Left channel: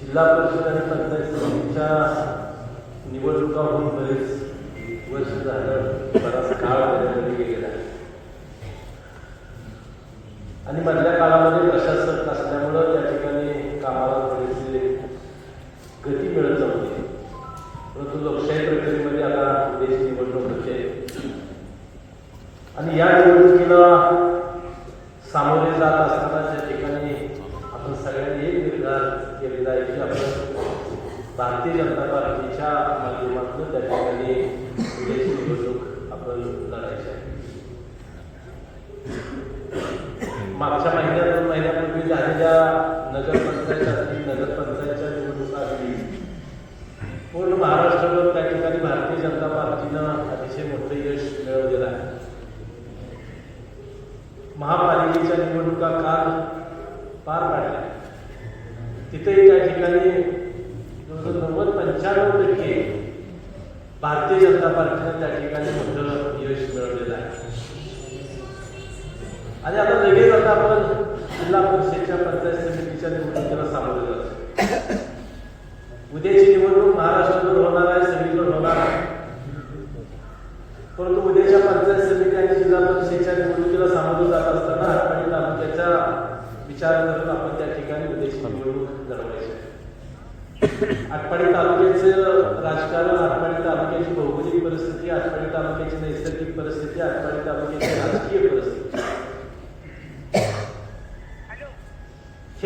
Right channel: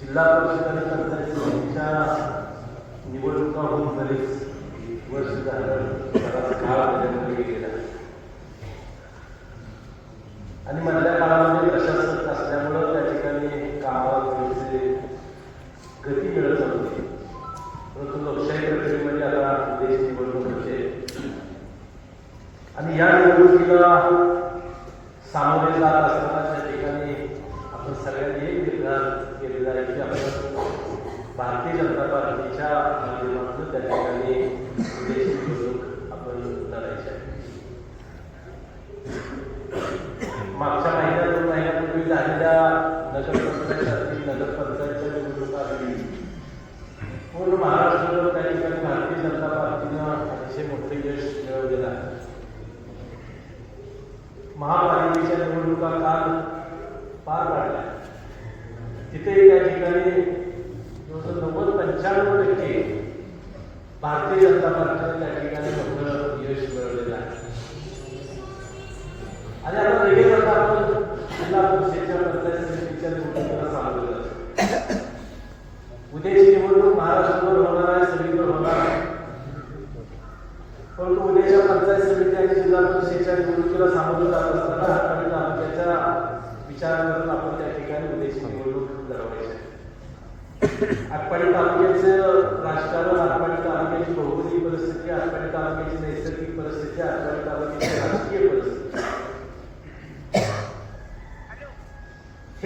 जिल्हा परिषद आणि पंचायत समितीच्या निवडणुका होऊन बरेच वर्ष झालं बराच काळ बदलले आणि मधल्या काळामध्ये प्रशासन त्या ठिकाणी आपण मागच्या महिन्यात दोन महिन्यापूर्वी झालेल्या नगरपंचायत नगरपंचायतच्या निवडणुका आली पूर्ण त्या ठिकाणी भारतीय जनता पार्टीनं अतिशय मोठं यश मिळवलेलं आहे. महापालिकेच्या निवडणुका काल पार पाडल्या तिथेही आणि आता वेगळे जाता आपण जिल्हा परिषदेच्या पंचायत निवडणुकीला सामोरे उद्याची निवडणूक महाराष्ट्रभर होणार आहे सगळीकडे होणार आहे. परंतु उद्याच्या पंचायत समिती आणि जिल्हा परिषदेच्या निवडणुकीला सामोरे जात असताना आणि आमच्याचा विचार करून आपण त्या ठिकाणी उद्याची निवडणूक घडवायची आटपाडी तालुक्याचं राजकारण आटपाडी तालुक्याची भौगोलिक परिस्थिती आटपाडी तालुक्याची नैसर्गिक परिस्थिती आटपाडी तालुक्याची राजकीय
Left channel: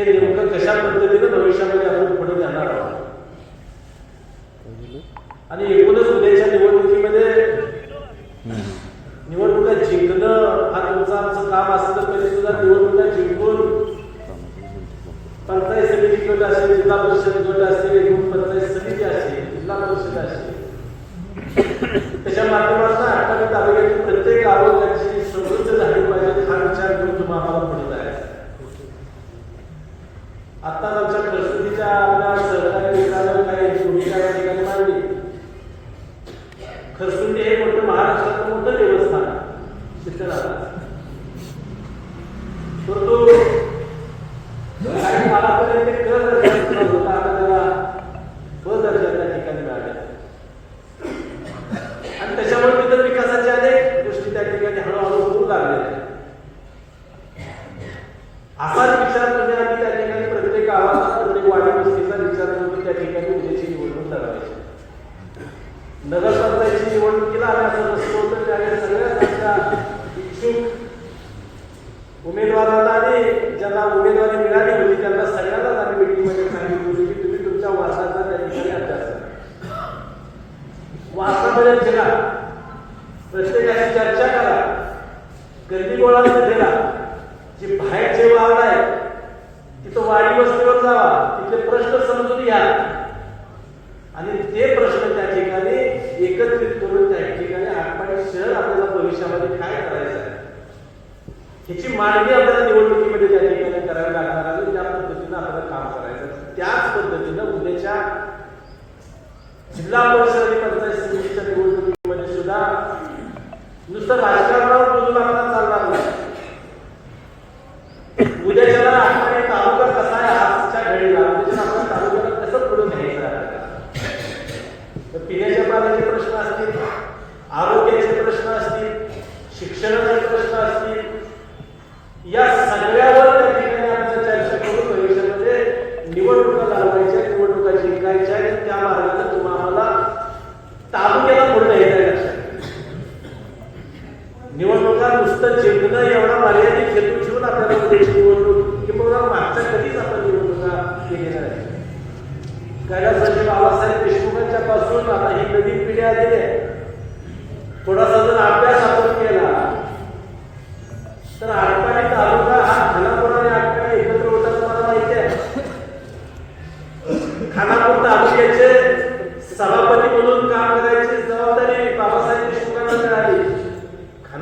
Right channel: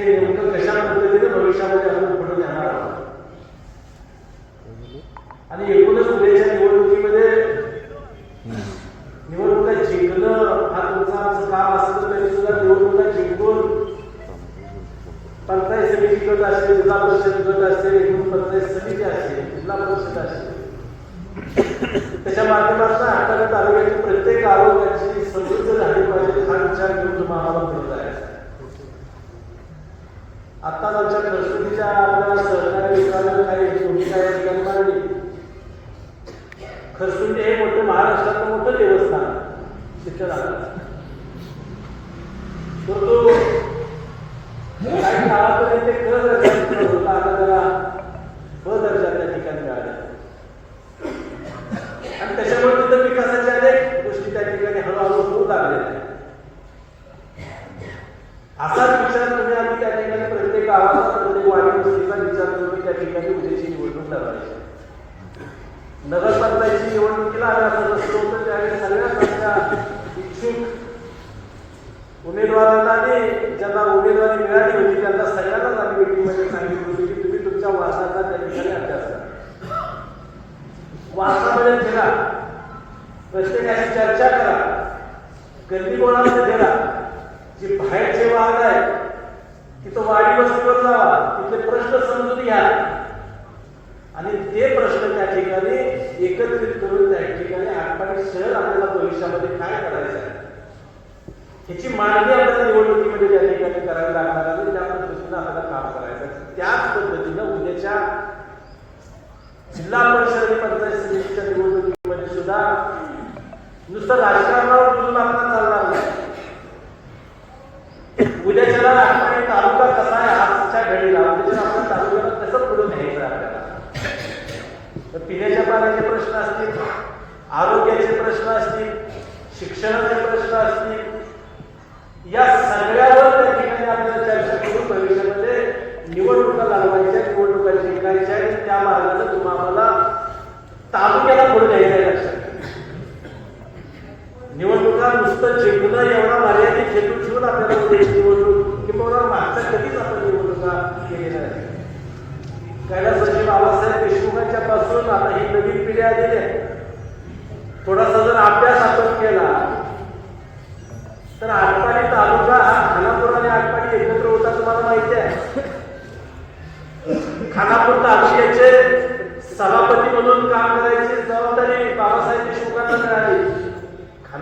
ते नेमकं कशा पद्धतीने भविष्यामध्ये आपण पुढे जाणार आणि एकूणच उद्याच्या निवडणुकीमध्ये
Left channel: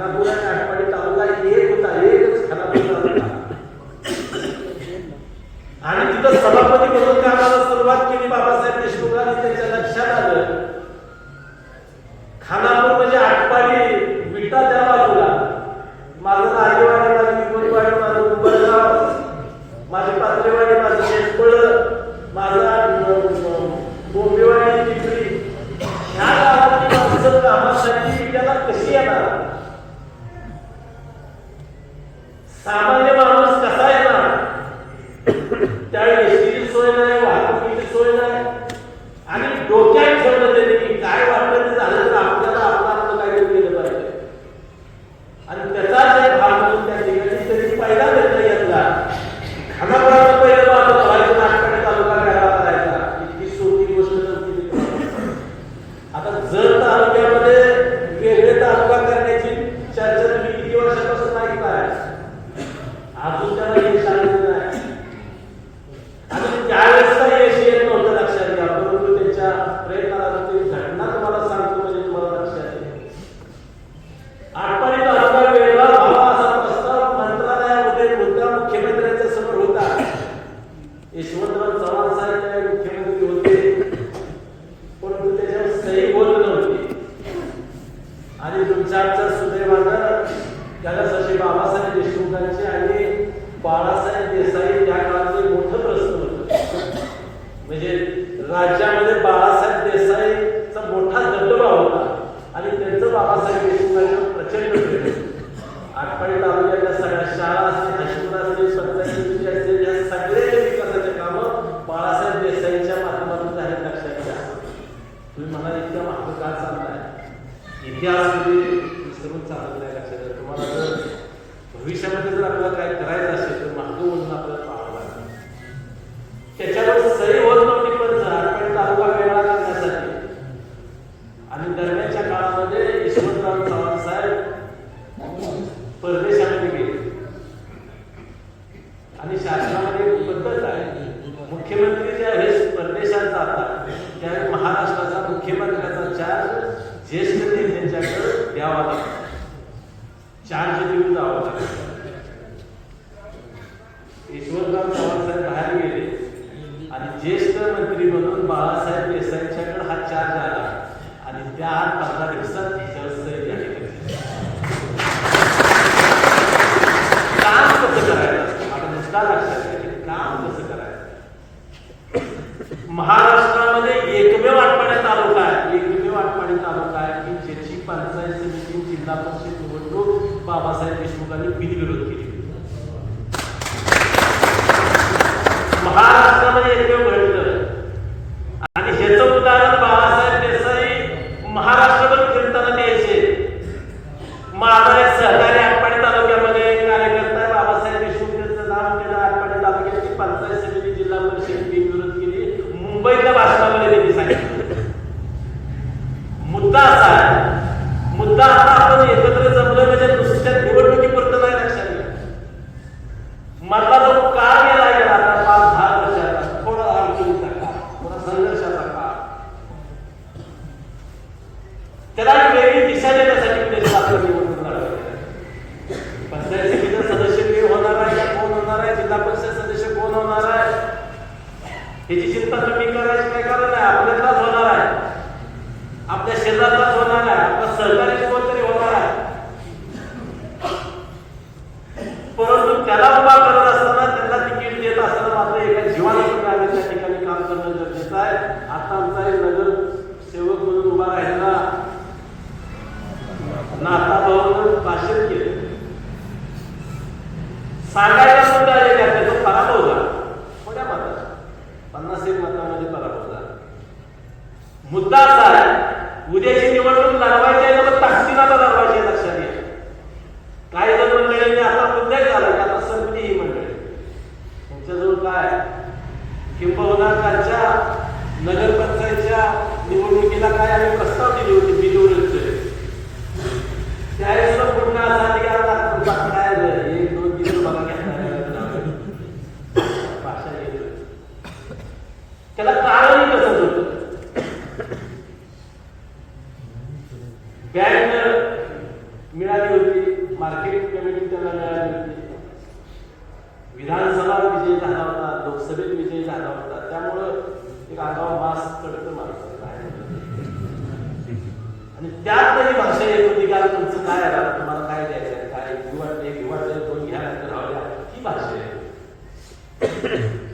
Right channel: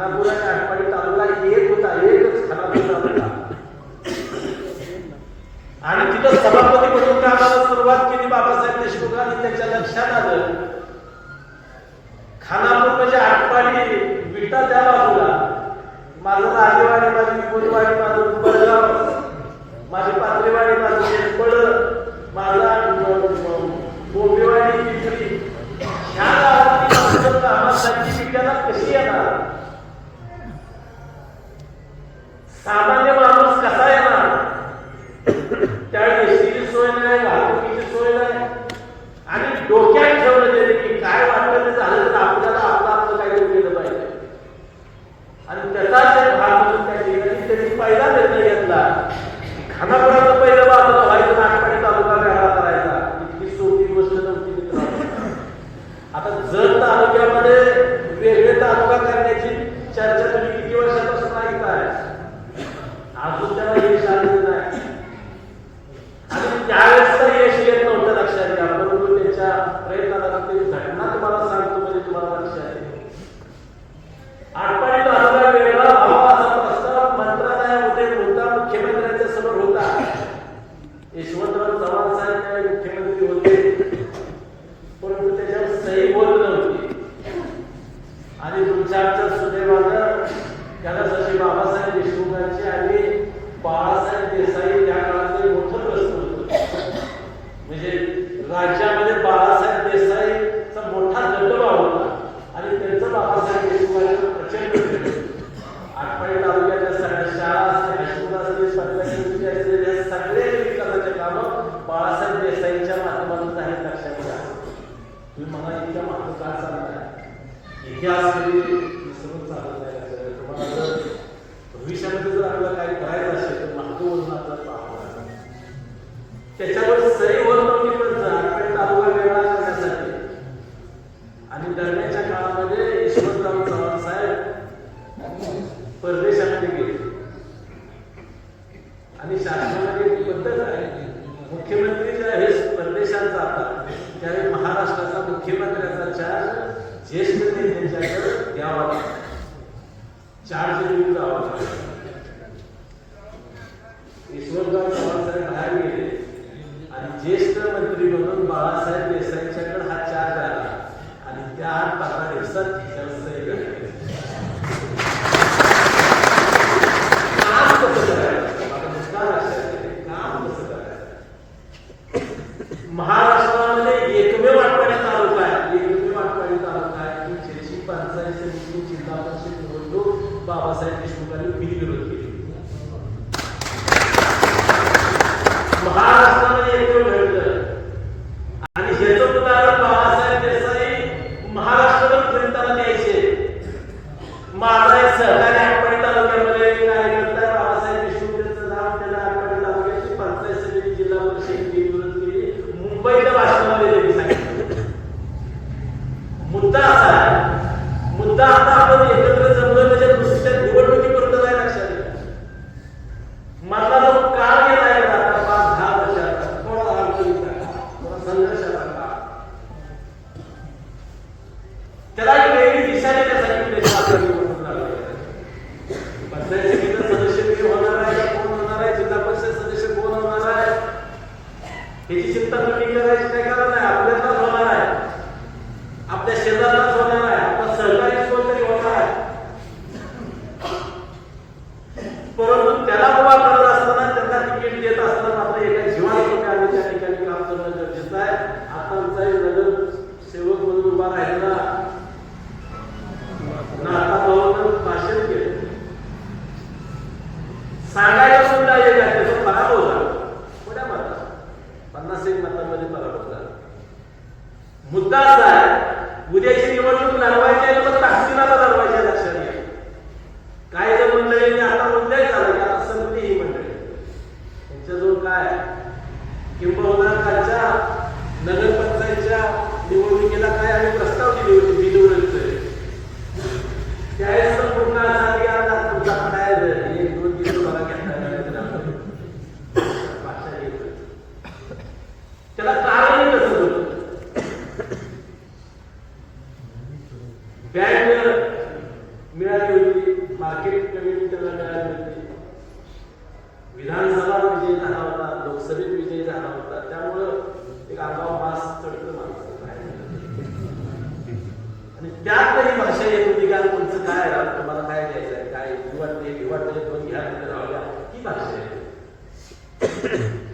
una pura आणि शासनामध्ये पद्धत आहे. मुख्यमंत्री जे आहे परदेशाचा त्यावेळी महाराष्ट्राचा मुख्यमंत्र्याचा चार्ज ज्येष्ठ नेत्यांच्याकडे द्यावा लागतो. चार्ज देऊन जावा लागतो. बाहेर गेले आणि ज्येष्ठ मंत्री एकमेव आठवडा तालुका आहे. एकमेव आठवडा तालुका आहे. की ज्याची पंचायत समिती जिल्हा परिषद निवडणूक बाबासाहेब देशमुखांनी बिनविरोध त्यांना तिकीट देत असताना मात्र एका त्या ठिकाणी काम करणं आहे. आता आमचा नगर सेवक म्हणून उभा राहिलेला चांगली भाषा येत होती तुमचं काय आला तुम्हाला काय द्यायचं काय निवडते निवडते तो घ्या ही भाषा आहे.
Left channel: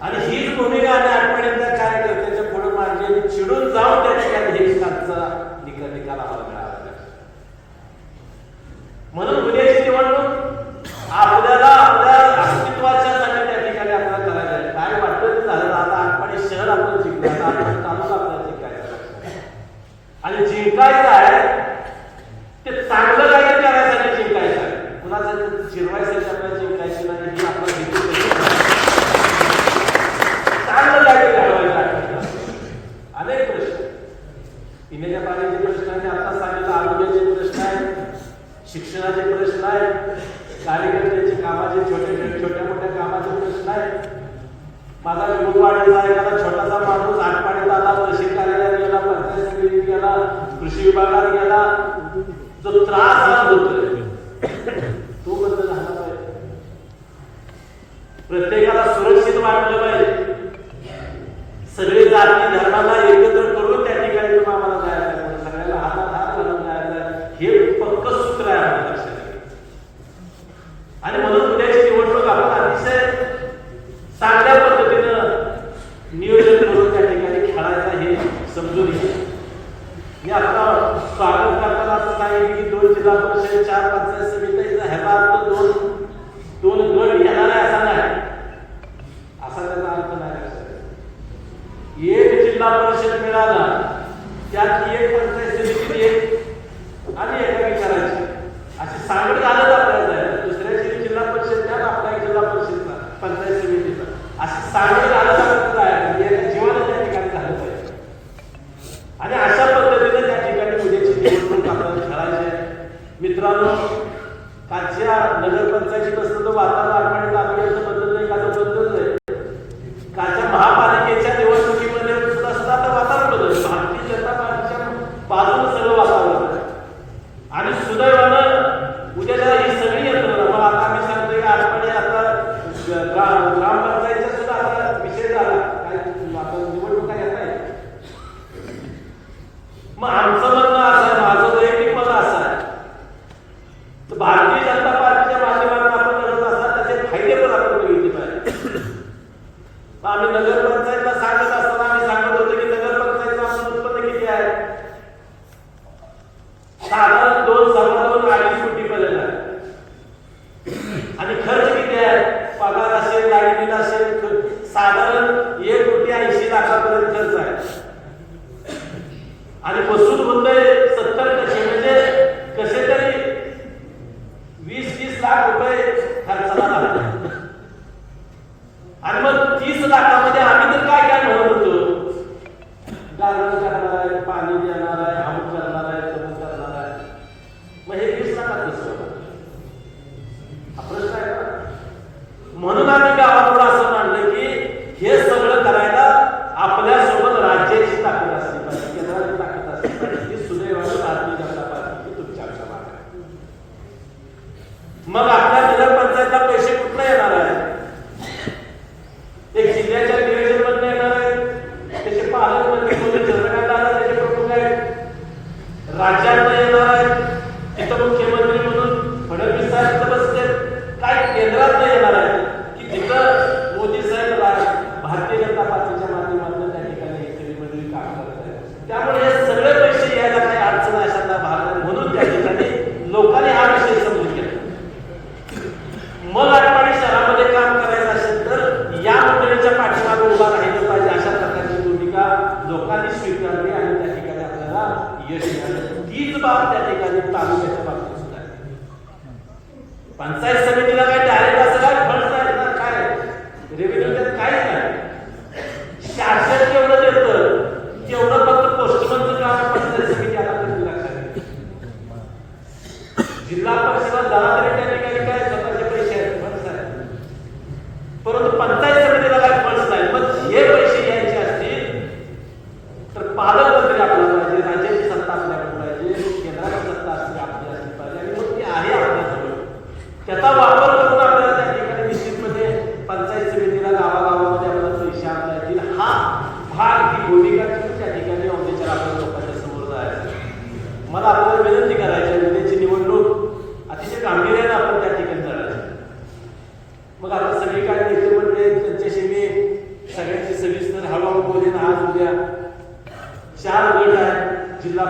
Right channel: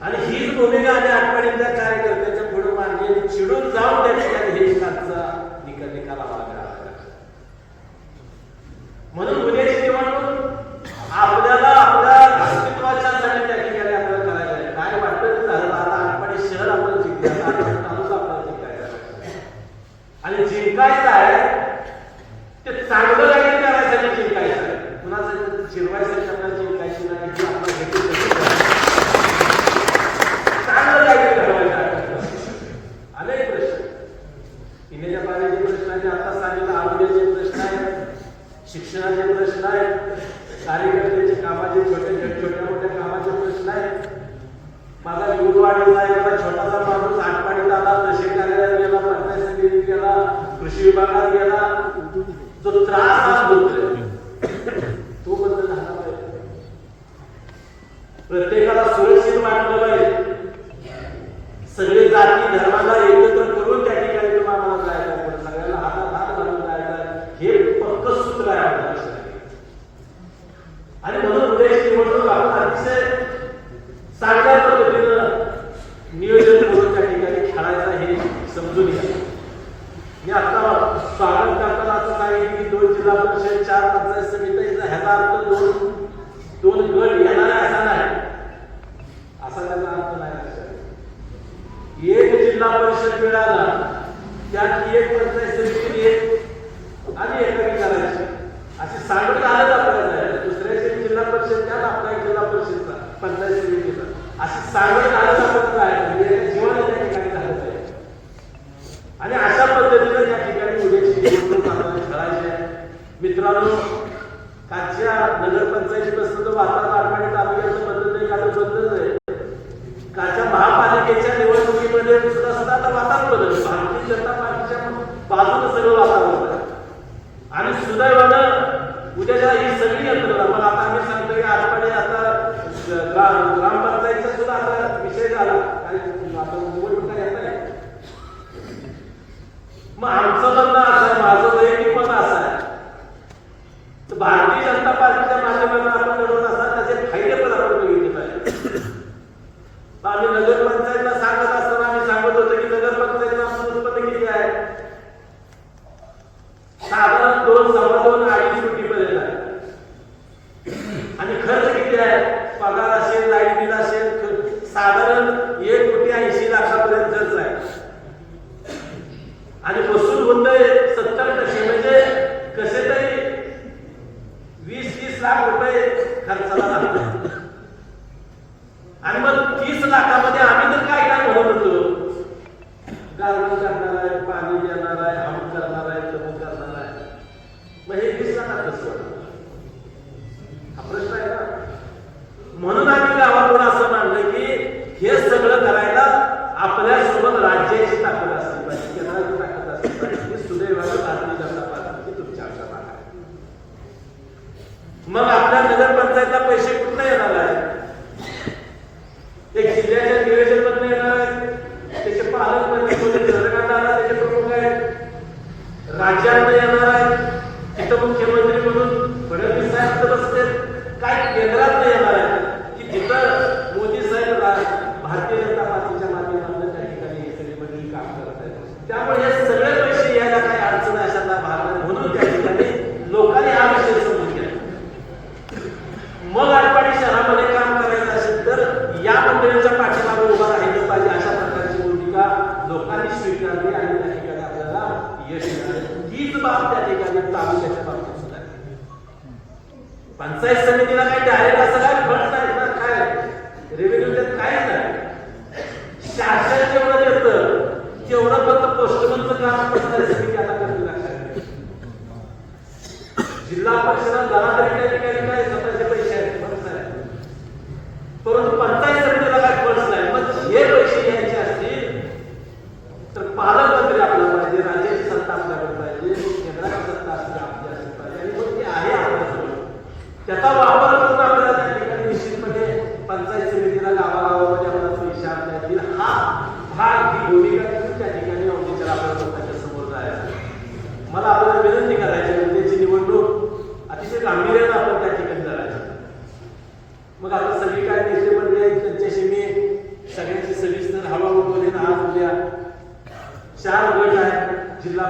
आणि हीच भूमिका आणि आठवड्यातल्या ते पुढे मागे चिडून जाऊ त्याने सगळे जाती धर्माला एक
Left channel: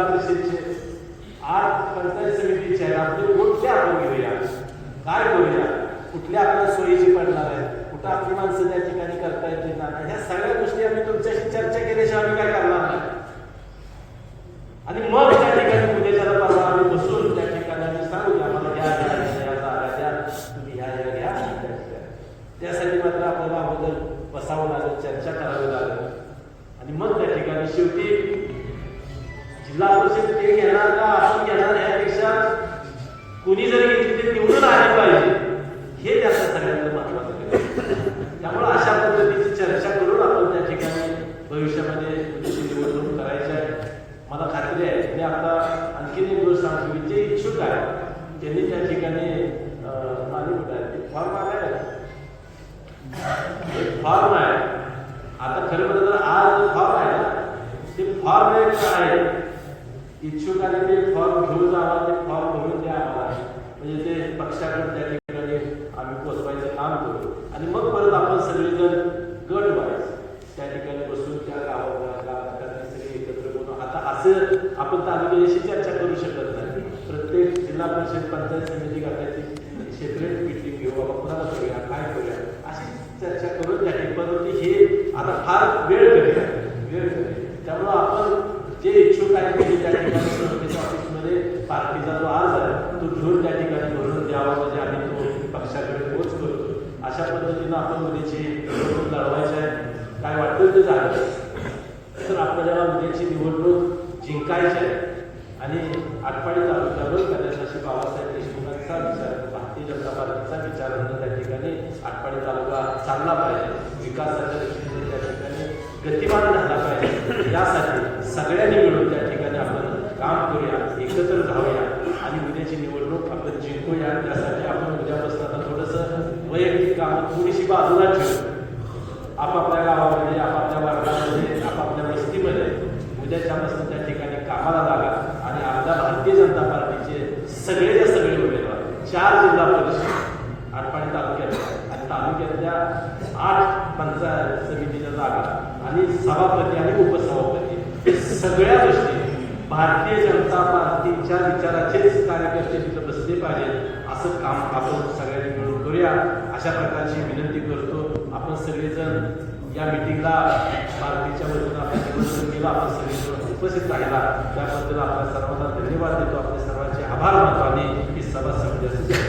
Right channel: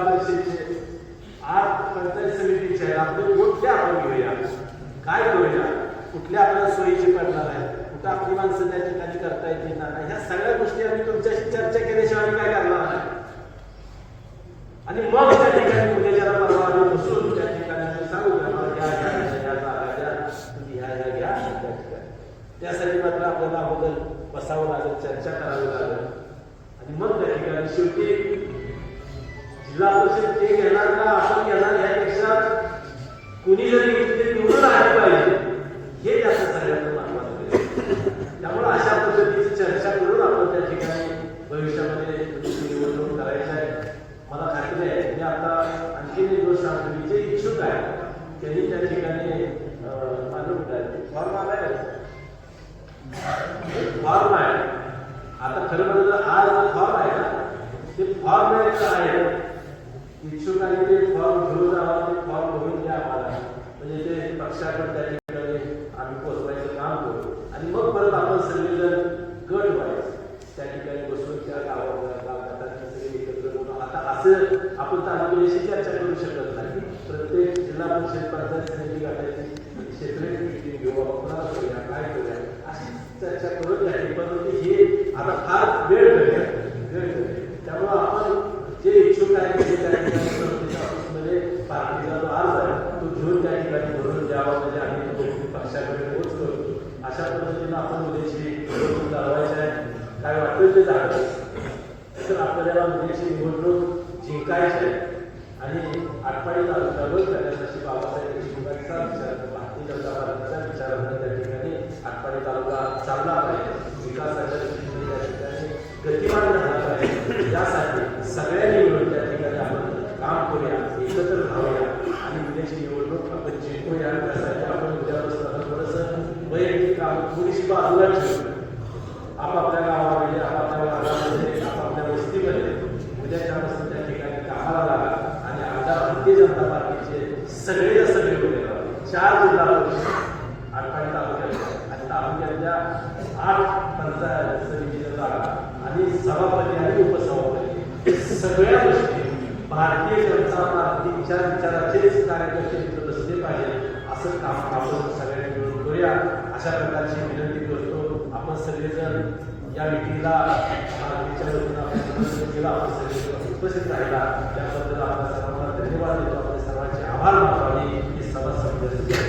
आज पंचायत आपण घेऊया काय करूया कुठल्या आपल्या सोयीची पडणार आहेत कुठं आपली माणसं त्या ठिकाणी करता येतील? ह्या सगळ्या गोष्टी आम्ही तुमच्याशी चर्चा केली. आपण तालुक्याशी चर्चा करू शकत नाही. प्रत्येक जिल्हा परिषद पंचायत समिती करण्याची सेपरेट मिटिंग घेऊ आपण काय करूया अशी चर्चा करून जाते पद्धती हे आता फार वेळ 再见 विचार विचाराचेच कार्यकर्ते तिथं बसले पाहिजेत असं काम आपण सगळ्यांनी मिळून करूया. अशा प्रकारची विनंती करतो. आपण सगळेजण या मिटिंगला भारतीच्या वतीनं आपण केला आपण सगळेजण उपस्थित राहिला. त्याबद्दल आपल्या सर्वांना धन्यवाद देतो. आपल्या सर्वांचे आभार मानतो आणि ही सभा संपल्याचं